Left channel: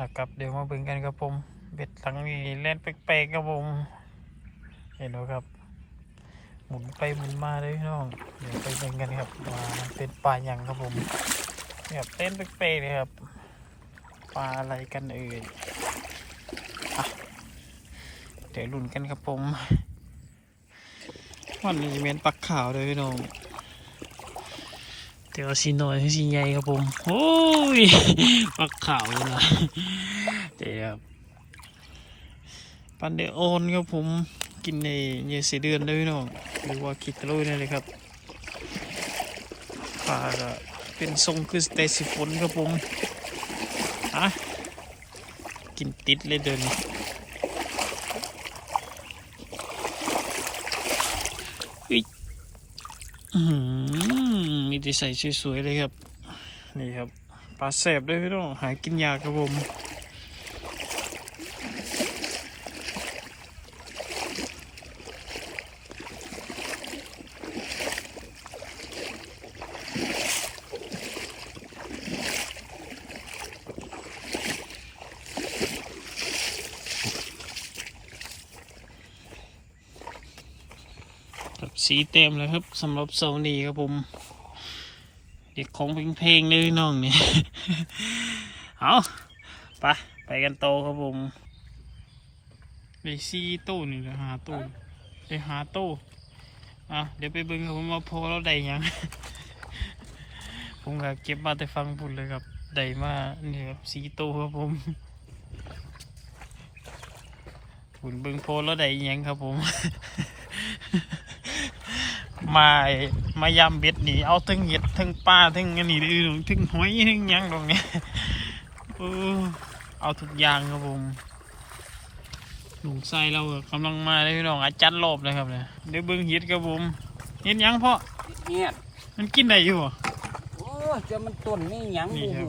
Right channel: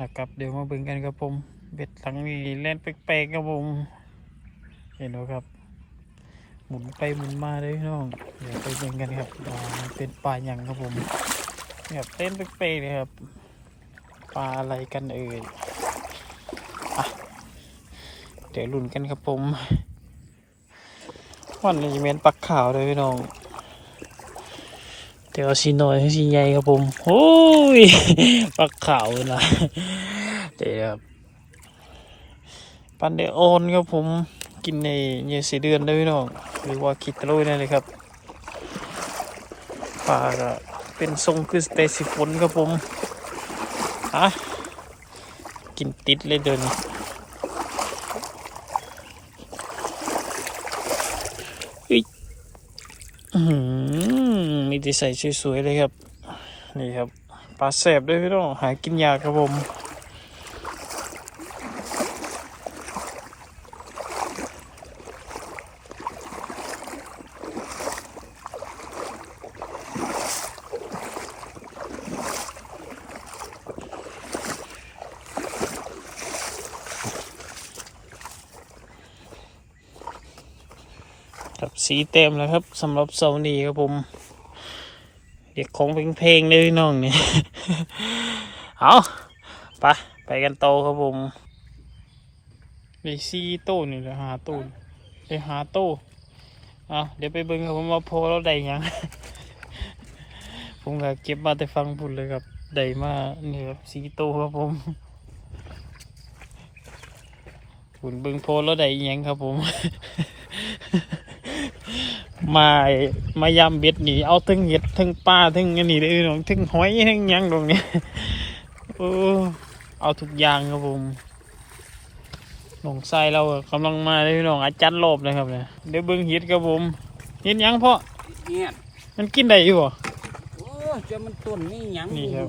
นะครับเดี๋ยวมาเบิ่งกันครับผมเบ็ดหลังนี้เล่นแปลกๆครับผมเห็นไหมครับ หมุนไปหมุนมาเลยพี่น้องเดี๋ยวไปเบิ่งกันครับเป็นปลาหยังครับผมแบบเต้นแปลกๆเลยครับปลาอะไรกันเอ่ยเดี๋ยวลุ้นกันครับผมวันนี้เป็นปลาขาวเลยพี่น้อง เดี๋ยวสีน้อยให้สีใหญ่ครับผมโอ้ยปลาขาวเลยนะเดี๋ยวปันเดออนครับผมกินในเนื้อสีเดือนได้พี่น้องหรือว่าคิดตะลุยนั่นเลยครับปลาก็เป็นทรงคือสเตซิฟนครับผมอะกินติดเลยเดินอืม แต่ใส่สวยๆเลยครับ นี่ครับปลาแสบด้วยพี่น้องหากินยากครับผมครับสีเต็มแล้วครับสำหรับเสาร์นี้ครับผม ด็กของเป็นเพลงเลยน้องนี่เอาไปไปกันโตครับผมไปซีโต้นี่ไปหาตู้ไปหาตู้อะเดี๋ยวไปเบิ่งครับผมว่าโพเราได้ยัง ผมก็เก็บมาแต่ฟังพูดเลยครับได้มานี่ครับซีโต้ครับผมคุณเบิ่งโพเราได้ยังครับผม มาไอ้มายำเบ็ดหนีเอาทั้งเห็ดทั้งปลาทั้งอันนี้เลยน้องทั้งหอยทั้งหยังตรงนี้โอ้เอาทุกอย่างครับผมหนองทรายเรากำลังมาเลยพี่น้องอาจารย์โลบเลยครับเนี่ยเดี๋ยวเบิ้งเห็ดครับผมเห็ดหยังพ่อเงียบมันกินได้อยู่บ่โอ้จะมันต้นนี่หยังนี่ดูครับ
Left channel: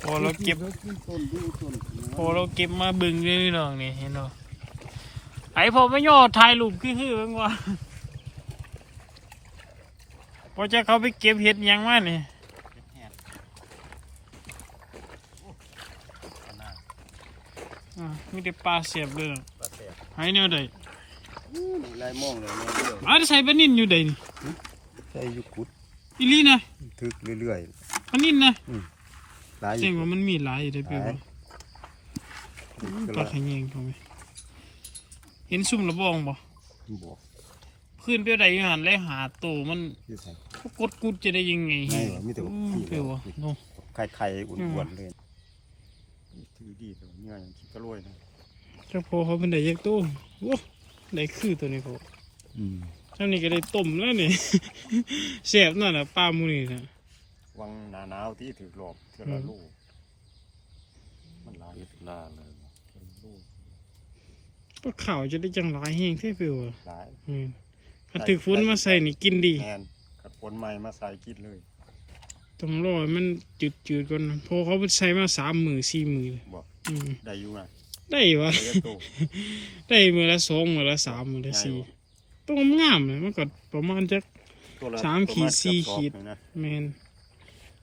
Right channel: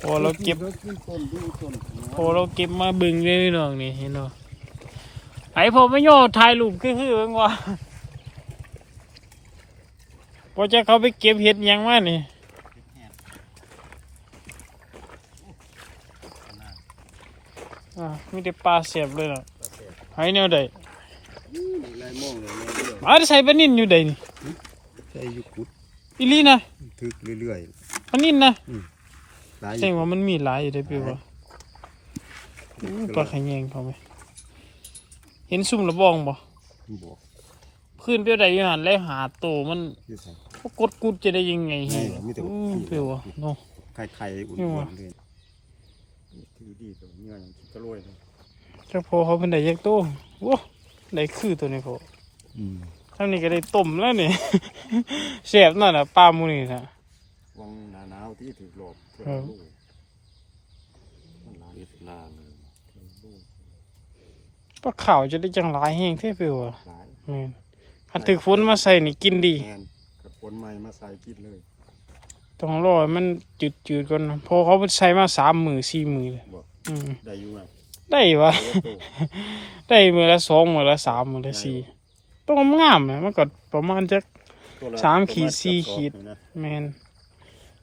โอ้เราเก็บรถที่ต้นดูต้นโอ้เราเก็บมาเบิ้งเลยพี่น้องนี่เห็นบ่ ไอ้พ่อไม่ย่อถ่ายรูปคือคือเบิ่งว่าพอจะเขาไปเก็บเห็ดหยังมานี่อ่ามีแต่ปลาเสียบเลยเนาะหายแนวใดนี่ลายมองเลยเนี่ยเรื่อยมาใส่ปลานิ่นอยู่ใดนี่ใส่อยุกุดอีหลีนะทึกเรื่อยปลานิ่นนะๆหลายอแสดงยู่ว่ามันมีหลายอยู่ได้อพี่หลาว่ายอืมปลาขยงเขาไหม เห็นซุ่มระบองบ่บอกขึ้นเปรี้ยวใดอยังหันไล่หาโตมันอยี่ใส่เขากดกุดจะได้ยังไงไม่หรอกมีแต่ว่าอืมขี้เปรี้ยวอะแล้วเนาะไข่ไข่อุ่นๆเลยถือดีตัวเงี้ยคิดตะลุยเลยแต่พอเขาเป็นได้ยักโตโว้ได้คือตัวนี้พออืมทั้งนี้ก็ได้ต้มแล้วนี่เสียบนั่นน่ะปลาหมูนี่นะวังหนาหนาวที่ถือหลบเท่าครับลูกมันหลายเอ็ดลาเลยเท่าลูก ปลาขาวจะได้จังหลายแห้งเท่เปรี้ยวอะหลายแม่นถ้าถึกฝนมาใส่นี่กินดีแทนกัดผลใหม่มาใส่กินเลยต้องรอให้มันจืดจืดๆก่อนนะเพอเขาใช้มาสามมือสี่มือบอกอืมได้อยู่นะได้วะเลี้ยงตัวได้มือละสองมือละสามมือละสี่ต้องงามนะมันก็ประมาณจะ ตัวละสามขีดประณสี่เกือบขีดสองนะแมน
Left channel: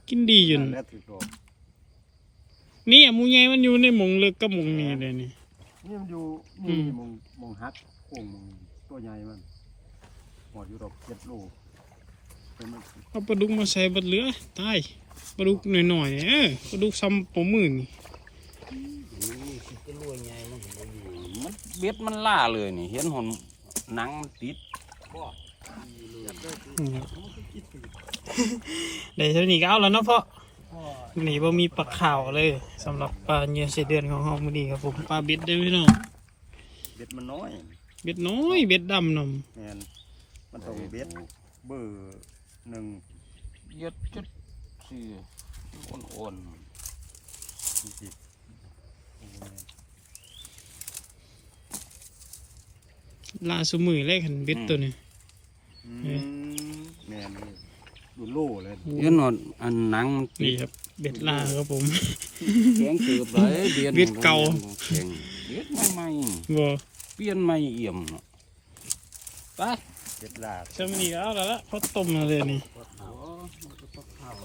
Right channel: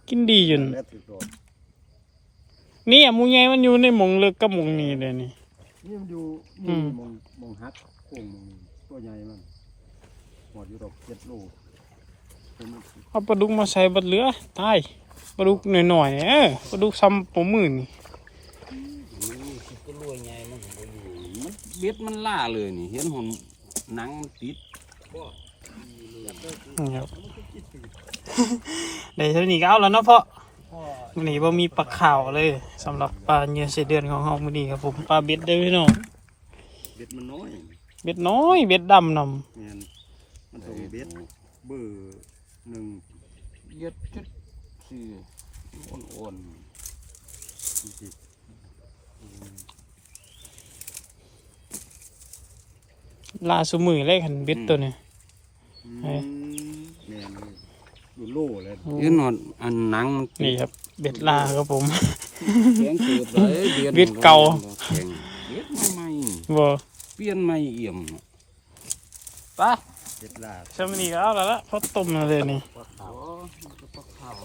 กินดีอยู่นั่นนะแหละถือหลบนี่อะหมูใหญ่มันอยู่ในหมองเลิกกับหมองนี้เลยนี่ นี่มันอยู่อืนี่มมองมองฮักโค้งมองนี่ตัวใหญ่มันหมดอยู่ดอกเจ็ดโลเป็นมันเอาปลาดุกมาใส่บัดเหลือตายปลาดุกหน่อยๆเนี่ยเออปลาดุกซ้ำผมมือนี่คิดจะรวยไงมันถึงบ่อยู่มันเบ็ดมันล่าเลยนี่ เห็นหนหนังมันติดบ่นี่ครับเดี๋ยวเท่านี้ก็เอาแล้วเนาะพ่อ นี่บ่มีปลาขาวเลยสำหรับปลาเนื้อเสเดือนของเฮามื้อนี้ครับผมปลาเบ็ดเด้อพี่น้องเบ็ดมันน้อยเบ็ดน้อยเบ็ดดำนแม่นมันต้องเบ็ดเบอร์หนึ่งเย็ดจุดสี่อ่อนสิบำลาสุมือเลยคันเบ็ดตัวนี้อืมแม่นเลยดูโลเลยๆเห็นหนอนอันหนังมันตินี่ดครับเบ็ดลาครับผม แข็งเกือบเลยเบียดเบ็ดเก่า แข็งเบียดใหม่ใหม่บ่เปลี่ยนใหม่เอี่ยมเนาะไปเบ็ดลาดซะมื้อนี้ก็เอาแล้วละพอต้มแล้วเลยนี่ โอ้มันก็ต้องเข้า